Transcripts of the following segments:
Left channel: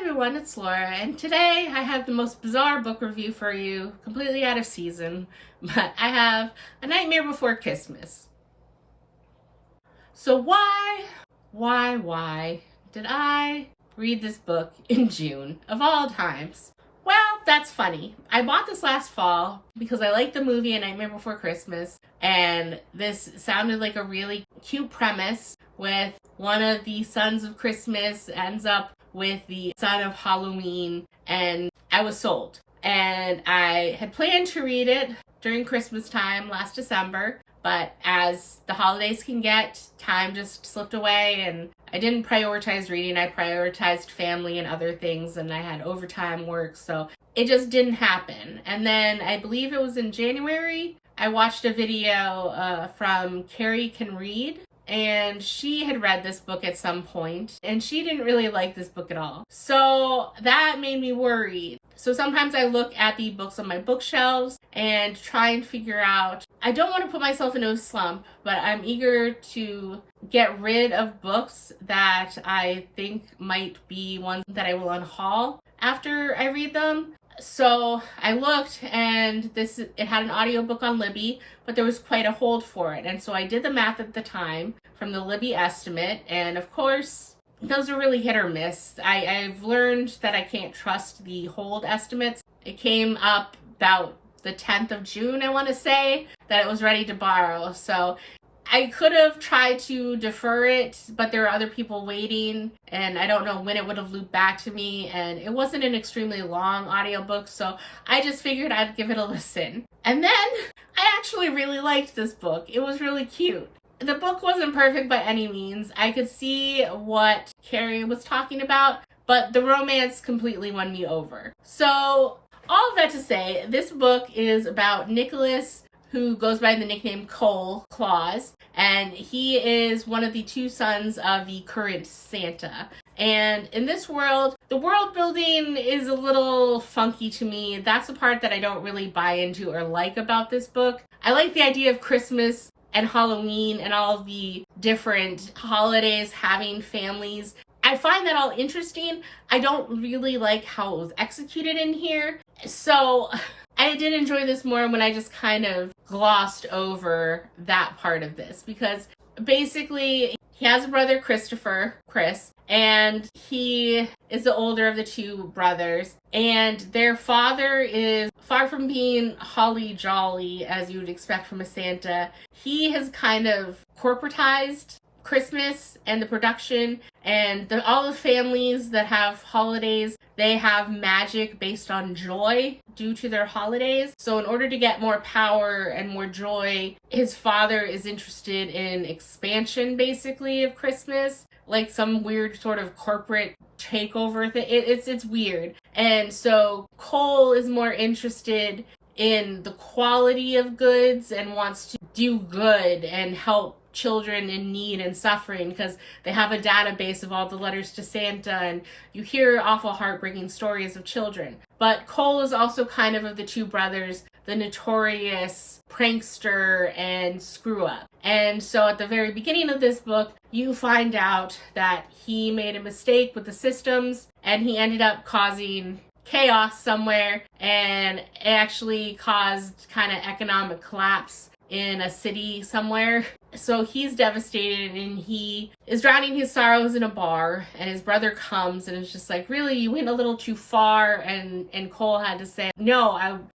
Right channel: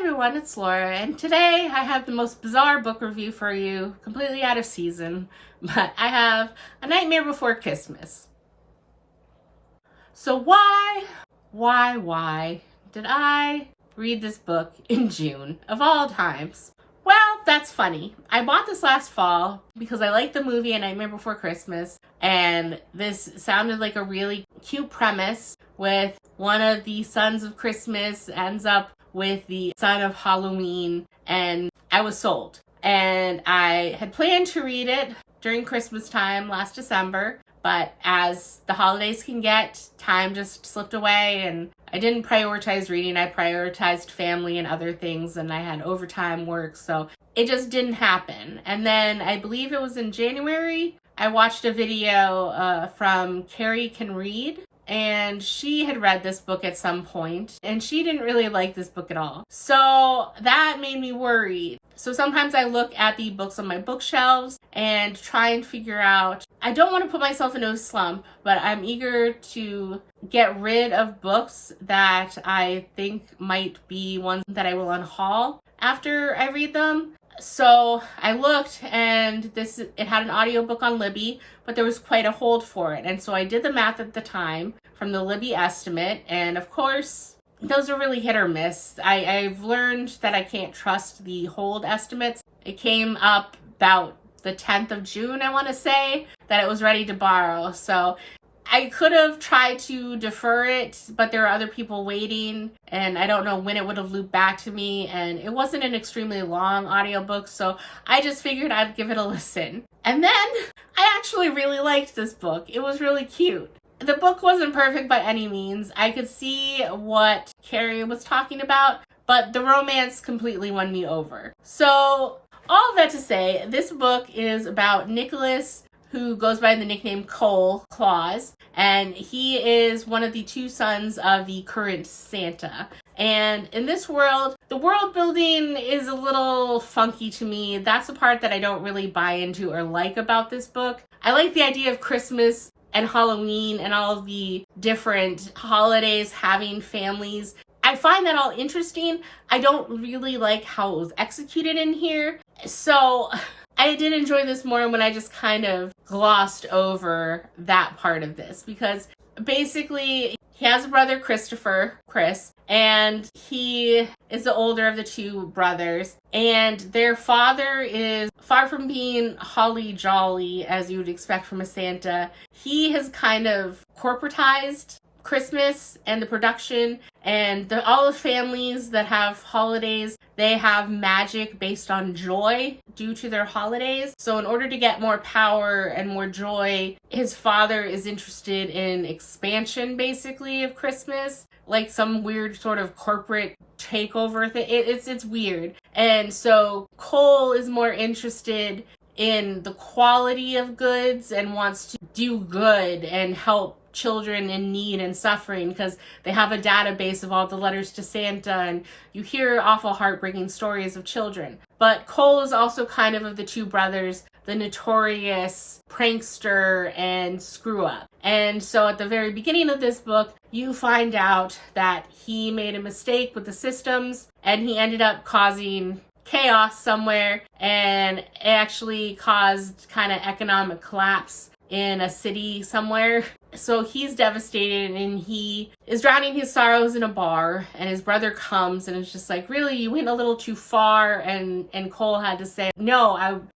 everyone, it's Laura, and today I have the most bizarre book review for you, completely out of season, but I have A Nightmare Before Kissmas. So why did I read this book in June, of all times? Well, that's funny. I bought this last fall because I liked the movie A Nightmare Before Christmas, and this sounded like a really cute premise with one of the sons of Christmas ends up with the son of Halloween, and I was sold. And I had planned to read it during Christmas time last December, but as the holidays can get, time just slipped away and I didn't prioritize reading. I prioritized family and other things, and I had overtime work, so it just didn't happen. And then I believe it was in January, I watched a video from Carrie Can Read, and she had read this book at some point, and she didn't really like this book at all. So that made me worried. So sometimes I look at the books on my bookshelves and try and figure out, I don't want to put myself into a slump, but I'm eager to get rid of books that I think might be ones that I will unhaul after I read them. So I looked, and it had an audiobook on Libby, but there was quite a hold for it. And so I did the math at the time from the Libby estimate, and of course, those are really hit or miss. I've learned that I can't trust the hold estimates. It came up about the 10th of June, I want to say, that it was ready to borrow. So I could have tried to defer it, but there were other people waiting, and I don't know when it would have looped back to me, and it wasn't an extremely long audiobook, so I just figured I'd give it a listen. And then I actually really liked this book. It was really cute. The book wasn't perfect by any means. I could see what Carrie was talking about, but the romance completely won me over. So all of that to say, this book is about Nicholas, who goes by the nickname Cole Claus, and he is one of the two sons of the current Santa. And in this world, the world building is a little funky to me. That's the part that I don't really buy into or like about this book. I like the idea of Christmas and Halloween and all of the different holidays having families. I find that all interesting. I don't really like how it was executed in here. So I did enjoy this more when I just kind of glossed over that part of this, because basically he has a brother, Chris, and he is the older of the two brothers, and their father is far from being holly jolly as you would expect from a Santa. He has kind of corporatized Christmas and the production, and all the families that have holidays, they have magic based on joy due to their holidays. So in order to get more power and more joy, his father is interested in expansion, basically, of Christmas, like some weird sort of corporate takeover thing. It's weird. And so Cole is more interested in the quality of goods and wants to do good and help children in need and suffering, because they have a database of all the letters to Santa, and you hear awful heartbreaking stories of children. But Cole is also kind of the two brothers, the notorious prankster and screw up. And so at the very beginning of this book, you find out that he made a mistake with the systems, and he ended up causing chaos somewhere, and it actually caused kind of economic collapse in a city somewhere. So he's devastated, and he is drowning his sorrows in a bar, and his brother comes and is just like, really, you went a little too far. And Cole had to say, no,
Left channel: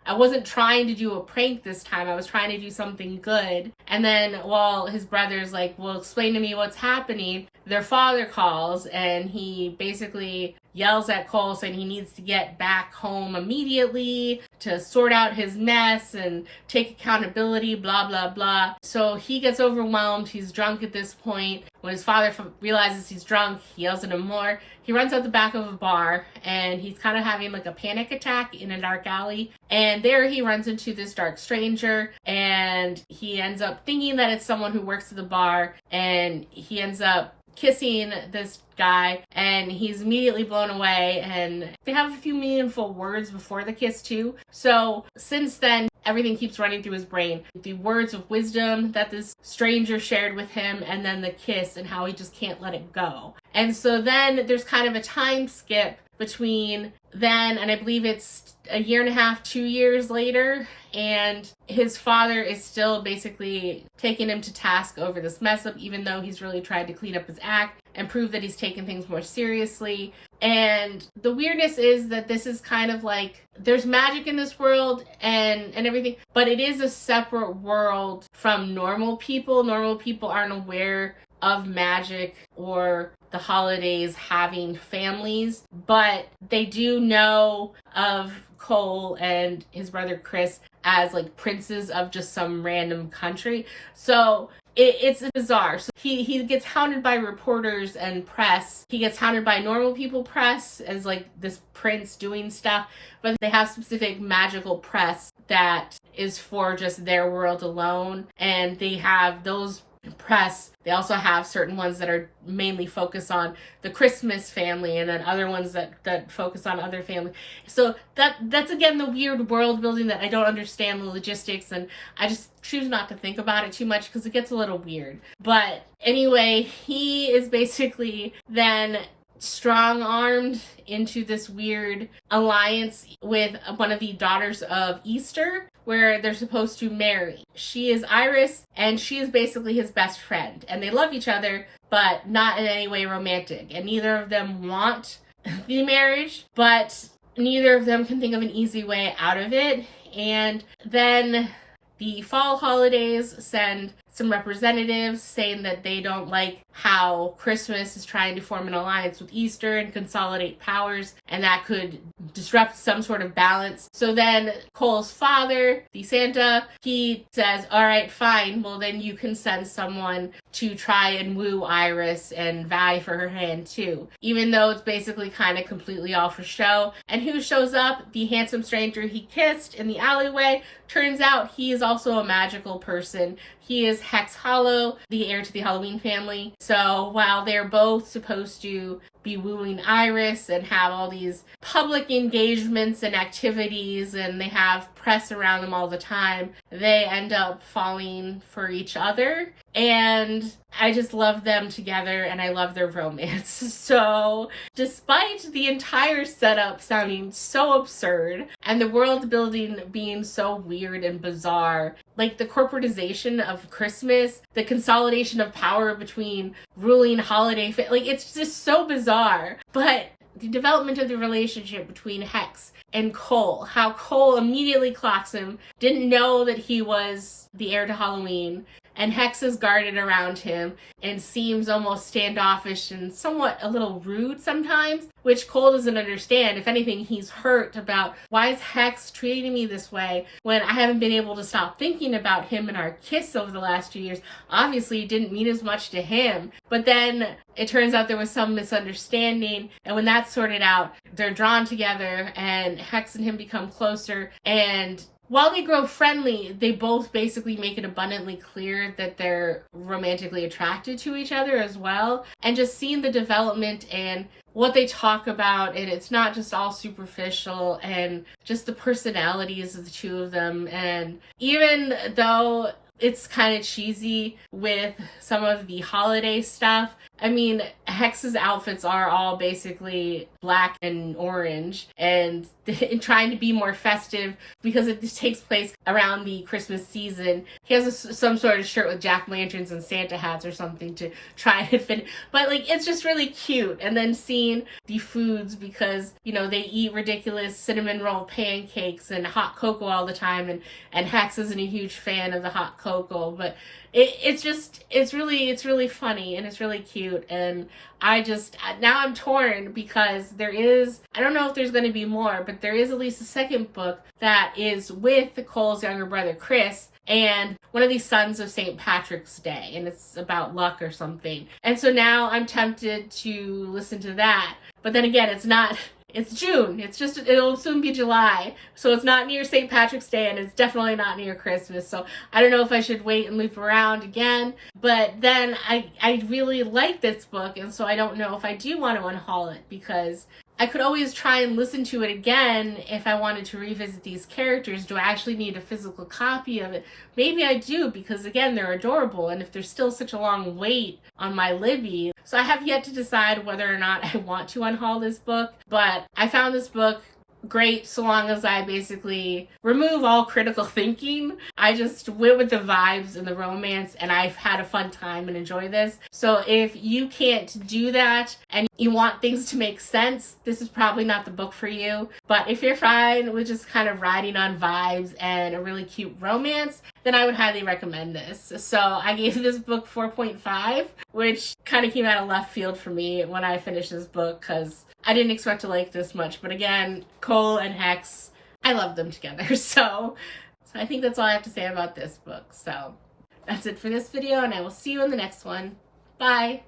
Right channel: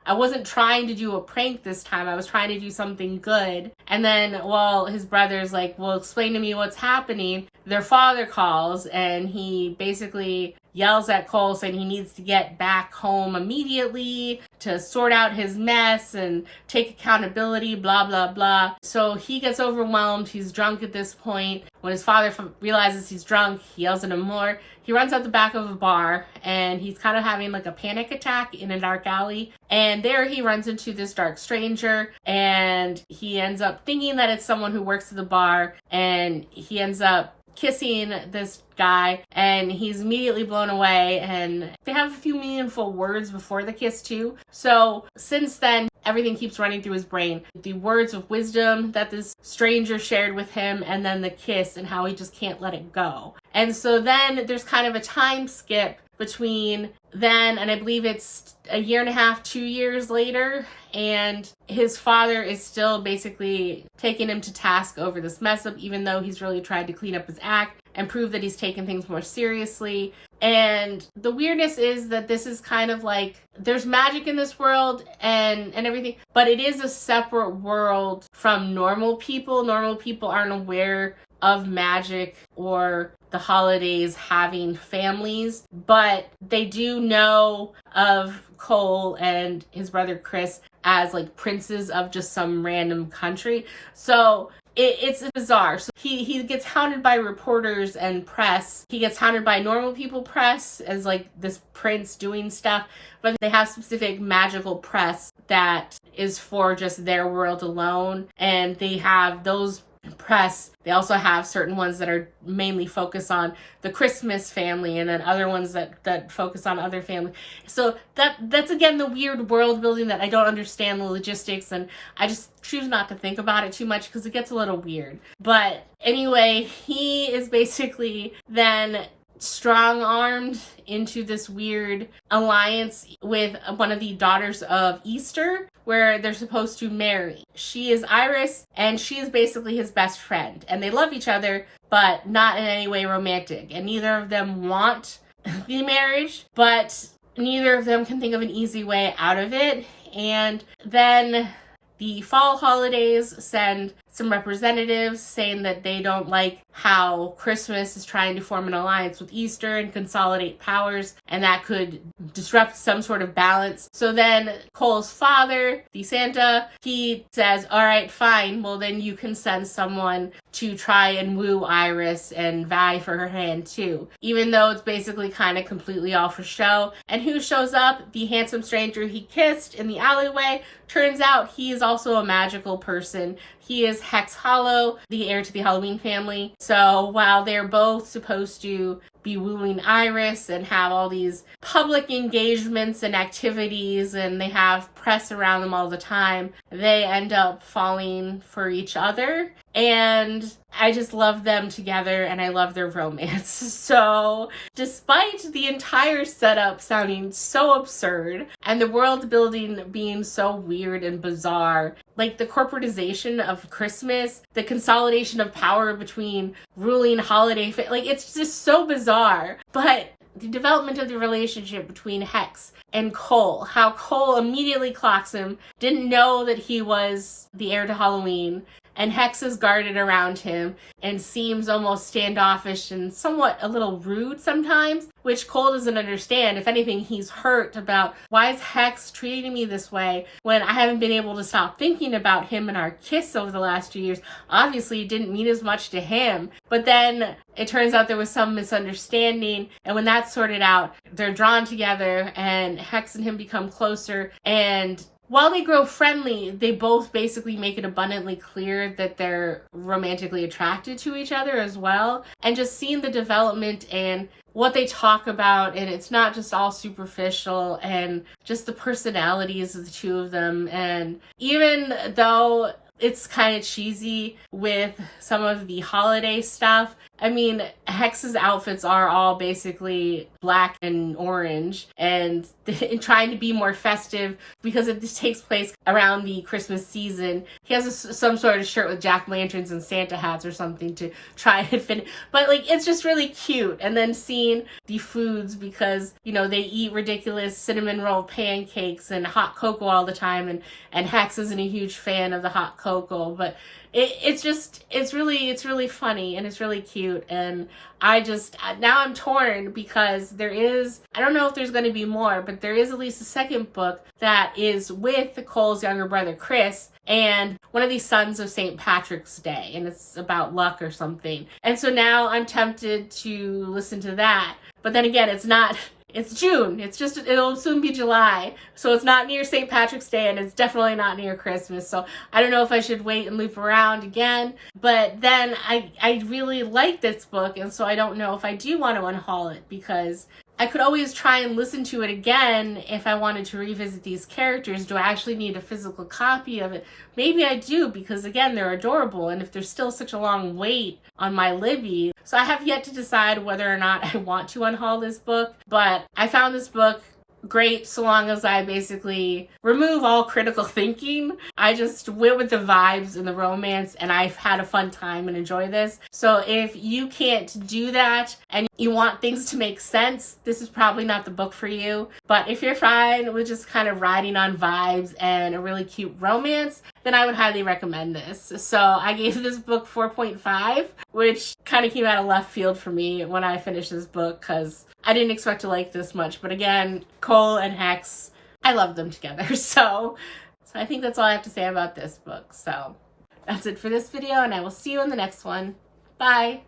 I wasn't trying to do a prank this time. I was trying to do something good. And then while his brother's like, well, explain to me what's happening, their father calls, and he basically yells at Cole saying he needs to get back home immediately to sort out his mess and take accountability, blah, blah, blah. So he gets overwhelmed. He's drunk at this point. When his father realizes he's drunk, he yells at him more. He runs out the back of a bar, and he's kind of having like a panic attack in a dark alley. And there he runs into this dark stranger, and he ends up thinking that it's someone who works at the bar, and he ends up kissing this guy, and he's immediately blown away, and they have a few meaningful words before the kiss too. So since then, everything keeps running through his brain. The words of wisdom that this stranger shared with him, and then the kiss and how he just can't let it go. And so then there's kind of a time skip between then and I believe it's a year and a half, 2 years later, and his father is still basically taking him to task over this mess up, even though he's really tried to clean up his act and prove that he's taking things more seriously. And the weirdness is that this is kind of like, there's magic in this world and everything, but it is a separate world from normal people. Normal people aren't aware of magic or the holidays having families, but they do know of Cole and his brother Chris as like princes of just some random country. So it's bizarre. So he gets hounded by reporters and press. He gets hounded by normal people press as like this prince doing stuff, but they have specific magical press that is for just their world alone. And they have those press. They also have certain ones that are mainly focused on the Christmas family, and then other ones that focus on other families. So that's again the weird world building that I don't understand the logistics, and I just choose not to think about it too much because it gets a little weird. But anyway, he is basically then strong-armed into this weird alliance with one of the daughters of Easter, where they're supposed to marry. She is Iris, and she is basically his best friend. And they love each other, but not in any way romantic. And neither of them want the marriage, but neither of them can think of an easy way out of it. And then the fall holidays send some representatives saying that they don't like how Christmas is trying to form an alliance with Easter and consolidate powers, and that could disrupt some sort of balance. So then Cole's father, the Santa, he says, all right, fine, well then you can send someone to try and woo Iris and vie for her hand too, even though it's basically kind of completely all for show. And who shows up? The handsome stranger he kissed in the alleyway. Turns out he is also a magical person. He is Hex Hollow, the heir to the Halloween family. So while they're both supposed to be wooing Iris and have all these public engagements and activities, and they have press around them all the time, they end up falling for each other. And I just love them together, and I love their romance. So despite the entire setup sounding so absurd and the world building being so weird and bizarre, like the corporatization of Christmas, the consolidation of power between ruling holiday, like it's just so bizarre. But the development of the relationship between Hex and Cole, how Cole immediately clocks him, didn't know that he was the heir to Halloween, and Hex is guarded around him and seems almost standoffish and somewhat a little rude sometimes, which Cole doesn't understand. If anything, he's hurt about, why is Hex treating me this way when I haven't been able to stop thinking about him and our kiss over the last 2 years? Obviously, it didn't mean as much to him. But then it turns out there was some misunderstanding, and when that's sorted out, they're drawn together, and Hex and him become closer. And while they grow friendly, they both basically make it abundantly clear that they're romantically attracted to each other as well. And just seeing the development and what they talk about, and it's not just all superficial, and just the personalities of the two of them. And even though it's kind of cheesy with some of the holiday stuff, I mean, Hex's outfits are all basically black and orange, and trying to be more festive because it just takes place around the Christmas season. He has some sort of shirt with jack-o'-lanterns and Santa hats or something to try and fit. But like, it's just really cute. And then seeing the foods, because, you know, they eat ridiculous cinnamon roll pancakes and hot cocoa all the time, and Hex isn't a huge fan of the hot cocoa, but it's really funny, and it's really cute. And now I'm torn because I don't know if there's going to be more, but there is at least a second book that is with Cole's younger brother Chris and one of these sons of St. Patrick's Day, and it's about luck or something. And so now I'm tempted to listen to that. But then again, it's June. It'll soon be July. So it's not near St. Patrick's Day, and it's definitely not near Christmas. So I don't know if I should wait and loop around again. But then I really like this book, and so I don't know if I do want to unhaul it, because I could always try and listen to it again if I wanted to revisit these characters. Do I actually need a physical copy of it? Maybe I do, because again, they're adorable, and if there's still such a long wait on my Libby. So I have yet to decide whether or not I want to unhaul this book, but I found this book great so long as I basically remove all critical thinking. I just went with the vibes and the romance, and I've had a fun time and enjoy this. So if you can't do that and you want things to make sense, this is probably not the book for you. But if you're fine with just kind of riding on vibes and a really cute romance, then I would highly recommend this. So I gave this book 4.5, which kind of came out of left field for me when I finished this book, because I didn't expect to like this much. But again, Cole and Hex, I love them together. So I think that's all I have to say about this book. So that's it for this video, and I will see you in the next one. Bye.